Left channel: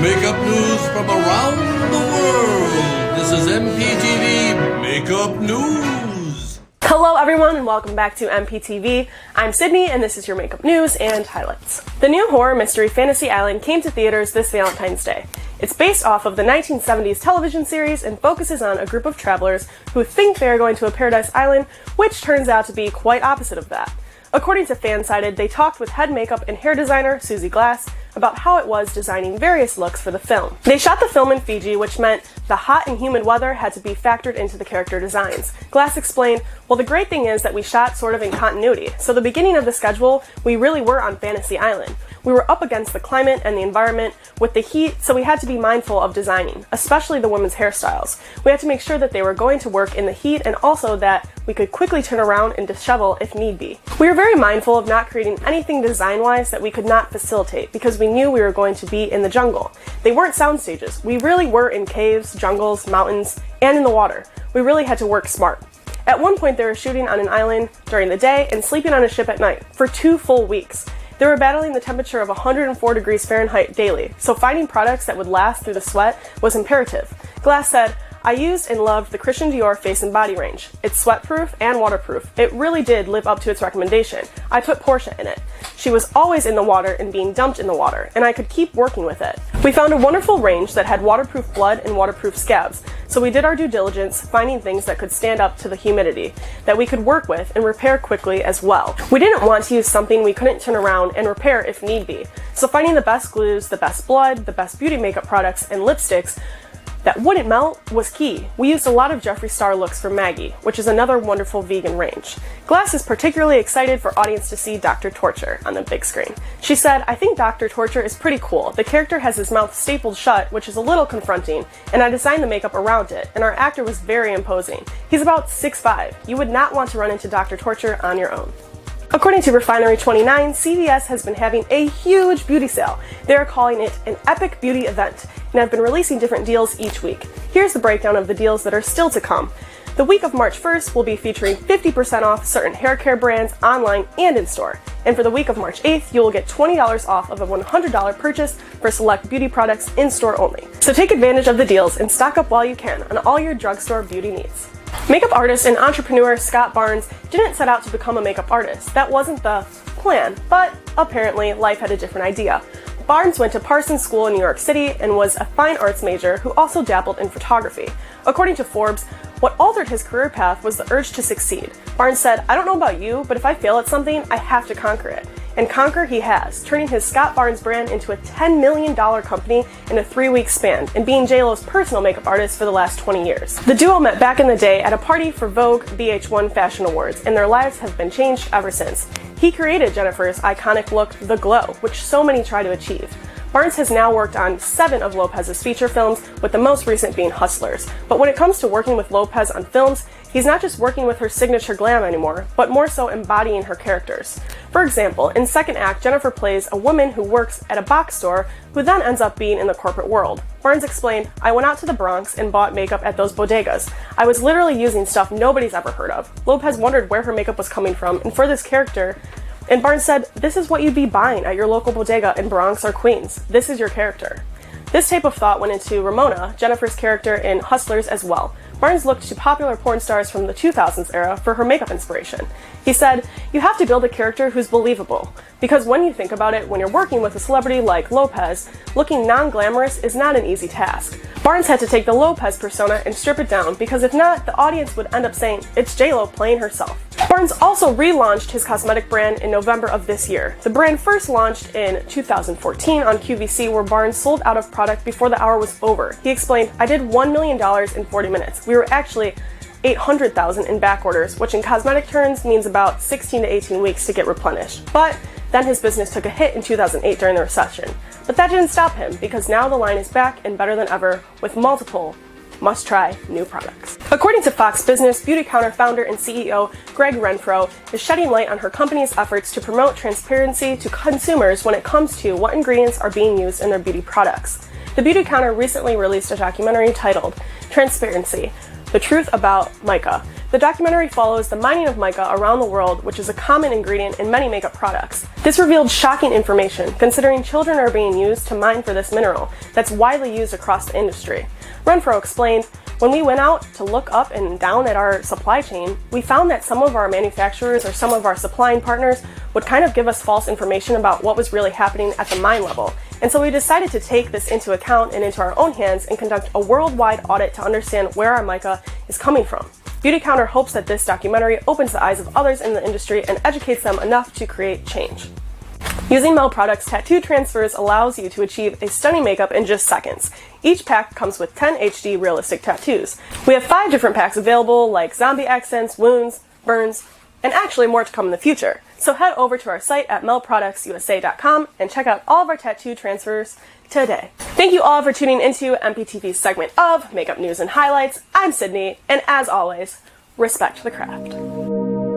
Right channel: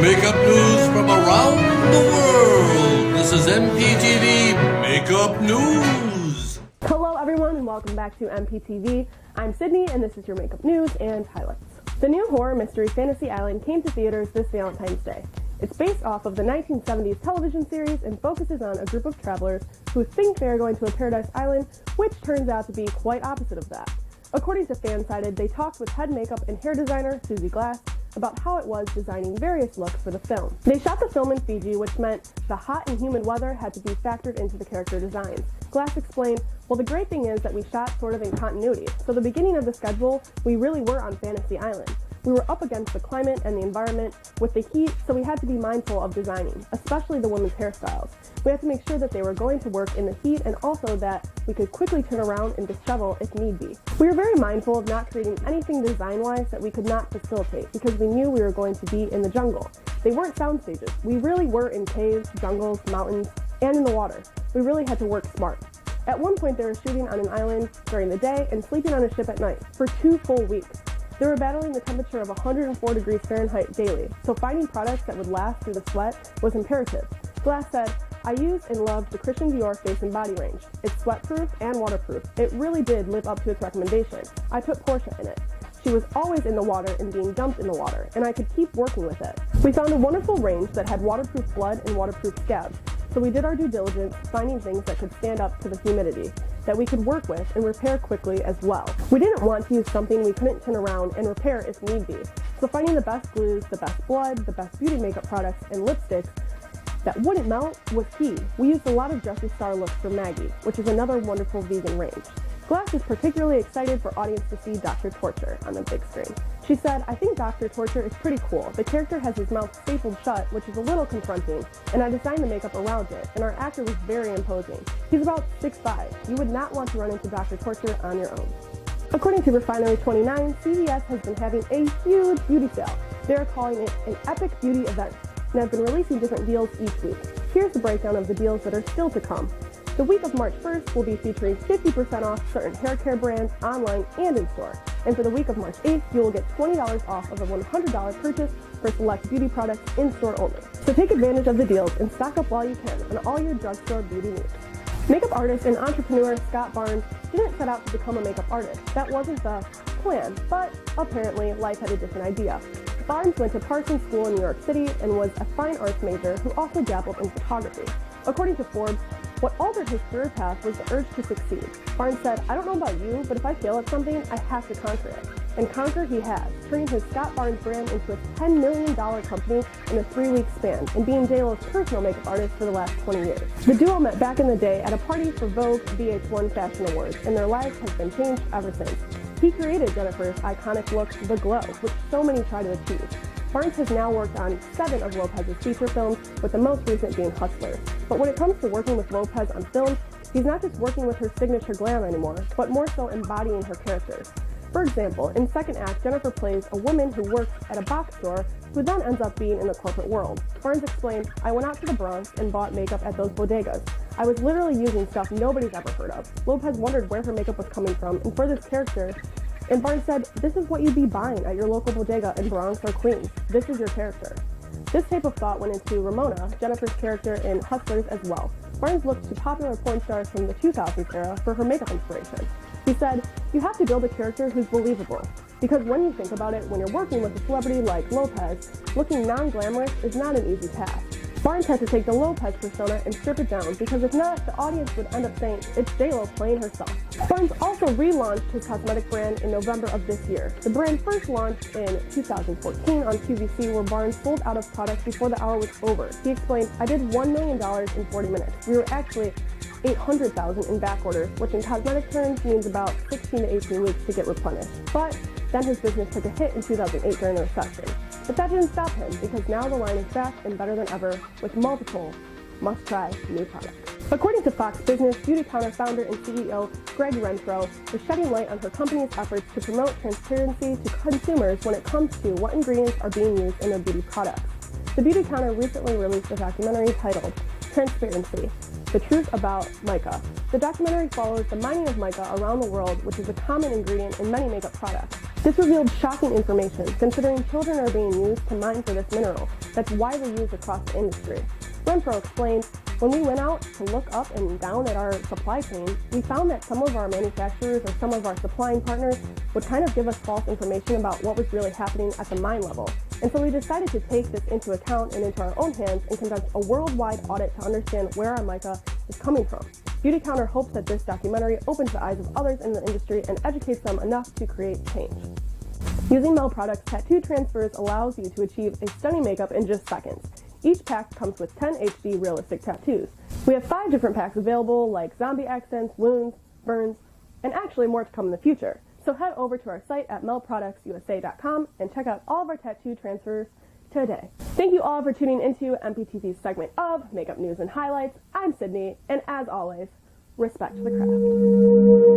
makeup news from around the world. This is MPTV Makeup News. Hello everyone and welcome back to MPTV. I'm Sydney and this is your makeup news and highlights. The new horror mystery Fantasy Island came to theaters this Valentine's Day. It's based off of the 1970s television series and focuses on a group of travelers who think they are going to a paradise island, which turns out to be quite opposite of that. According to Fansided, they talked with head makeup and hair designer Susie Glass about how it was designing various looks for the film. They shot the film in Fiji, which meant the hot and humid weather had to be factored into the character designs. Glass explained, well, the great thing is that we shot sort of in continuity, so the beginning of the schedule, we really were on Fantasy Island. We were up against the climate and the environment with the heat, so we had to be mindful of designing, especially the women's hairstyles. We had to make sure that they were going to work in the heat and also that we could quickly turn around and dishevel if need be. We were very mindful of not creating anything design-wise that we could not facilitate because we knew we were going to be in the jungle. They weren't sound stages. We really were in caves, jungles, mountains, and in the water. We really had to work smart. At one point, they were shooting on an island during the day and sleeping on a ship at night for 2 full weeks. They were battling the temperature of 104 degrees Fahrenheit daily, so finding products that would last through the sweat was imperative. Glass said, I used and loved the Christian Dior face and body range. It's sweatproof and waterproof. It really did live up to its recommendation. I put Portia in it. She was always in the water and being dumped in the water, and I could keep working with it. We found a wonderful range that had waterproof blood and waterproof scabs, so we did our due diligence finding things that could stand up to the humidity, that we could work with and repair quickly as well. We didn't want to use something we couldn't turn around and repair if need be, so finding the best glues, the best blood, the best beauty makeup products, and lipsticks that wouldn't melt was key. We used a lot of Jeffree Star looks from Maggie, which is another wonderful vegan range. Glass is particularly excited for audience to see Dr. Torture on the big screen. She said, I think Dr. Torture is pretty cool. The character has his mouth stapled shut, which is a little confronting, and I designed the makeup around it, and our actor was very imposing. He's about 6'5". You would not want to run into Dr. Torture on your own. According to Refinery 29, CVS has been having a huge beauty sale. They are calling it an epic beauty event and have been releasing different deals each week. Here's the breakdown of the deals that are still to come. The week of March 1st will be featuring 50% off certain hair care brands online and in store. And for the week of March 8th, you will get $20 off of a $100 purchase for select beauty products in store only. So take advantage of the deals and stock up while you can on all your drugstore beauty needs. Makeup artist and entrepreneur Scott Barnes didn't set out to become a makeup artist. That wasn't the plan, but apparently life had a different idea. Barnes went to Parsons School in New York City and was a fine arts major who also dabbled in photography. According to Forbes, what altered his career path was the urge to succeed. Barnes said, I don't know about you, but if I fail at something, I have to conquer it. And conquer he has, turning his Scott Barnes brand into a $10 million company in a 3-week span, and being J.Lo's personal makeup artist for the last 20 years. The duo met back in the day at a party for Vogue VH1 Fashion Awards, and their lives have been changed ever since. He created Jennifer's iconic look, The Glow, which so many try to achieve. Barnes has now worked on 7 of Lopez's feature films, with the most recent being Hustlers. But when it comes to working with Lopez on films, he's not just working with her signature glam anymore, but more so embodying her characters. For example, in second act, Jennifer plays a woman who works at a box store who then ends up being in the corporate world. Barnes explained, I went out to the Bronx and bought makeup at those bodegas. I was literally using stuff nobody's ever heard of. Lopez wondered where her makeup was coming from, and for this character, and Barnes said, this is what you'd be buying at your local bodega in Bronx or Queens. This is your character. This type of thought went into Ramona, Jennifer's character in Hustlers as well. Barnes looked to popular porn stars from the 2000s era for her makeup inspiration. He said, you have to build a character who's believable. Because when you think about it, when you're working with a celebrity like Lopez, looking non-glamorous is not an easy task. Barnes had to take the Lopez persona and strip it down because if not, the audience would end up saying, it's J.Lo playing herself. Barnes also relaunched his cosmetic brand in November of this year. The brand first launched in 2014 on QVC, where Barnes sold out of product before the hour was over. He explained, I did $1 million in 40 minutes. We were actually 800,000 in back orders, which in cosmetic terms means about 16 to 18 weeks to get replenished. But then his business took a hit in 2008 during the recession. But that didn't stop him, because now the line is back and better than ever with multiple must-try new products. According to Fox Business, Beautycounter founder and CEO Gregg Renfrew is shedding light on her company's efforts to promote transparency to consumers when it comes to what ingredients are being used in their beauty products. The Beautycounter recently released a documentary titled Transparency, The Truth About MICA. The documentary follows the mining of mica around the world, which is a common ingredient in many makeup products. This revealed shocking information, considering children are being used to mine for this mineral that's widely used across the industry. Renfrew explained, "When we went out to look up and down at our supply chain, we found that some of our manufacturers or some of our supplying partners would kind of give us false information about what was really happening at the mine level. And so we decided to take this into account and into our own hands and conduct a worldwide audit to understand where our mica is coming from." Beautycounter hopes that this documentary opens the eyes of others in the industry and educates them enough to create change. Using Mel products, tattoo transfers allows you to achieve a stunning makeup in just seconds. Each pack comes with 10 HD realistic tattoos. We have 5 different packs available, like zombie accents, wounds, burns, and actually more to come in the future. So head over to our site at melproductsusa.com and check out all of our tattoo transfers today. Thank you all for tuning into MPTV's segment of Makeup News and Highlights. I'm Sydney, and as always, respect the craft.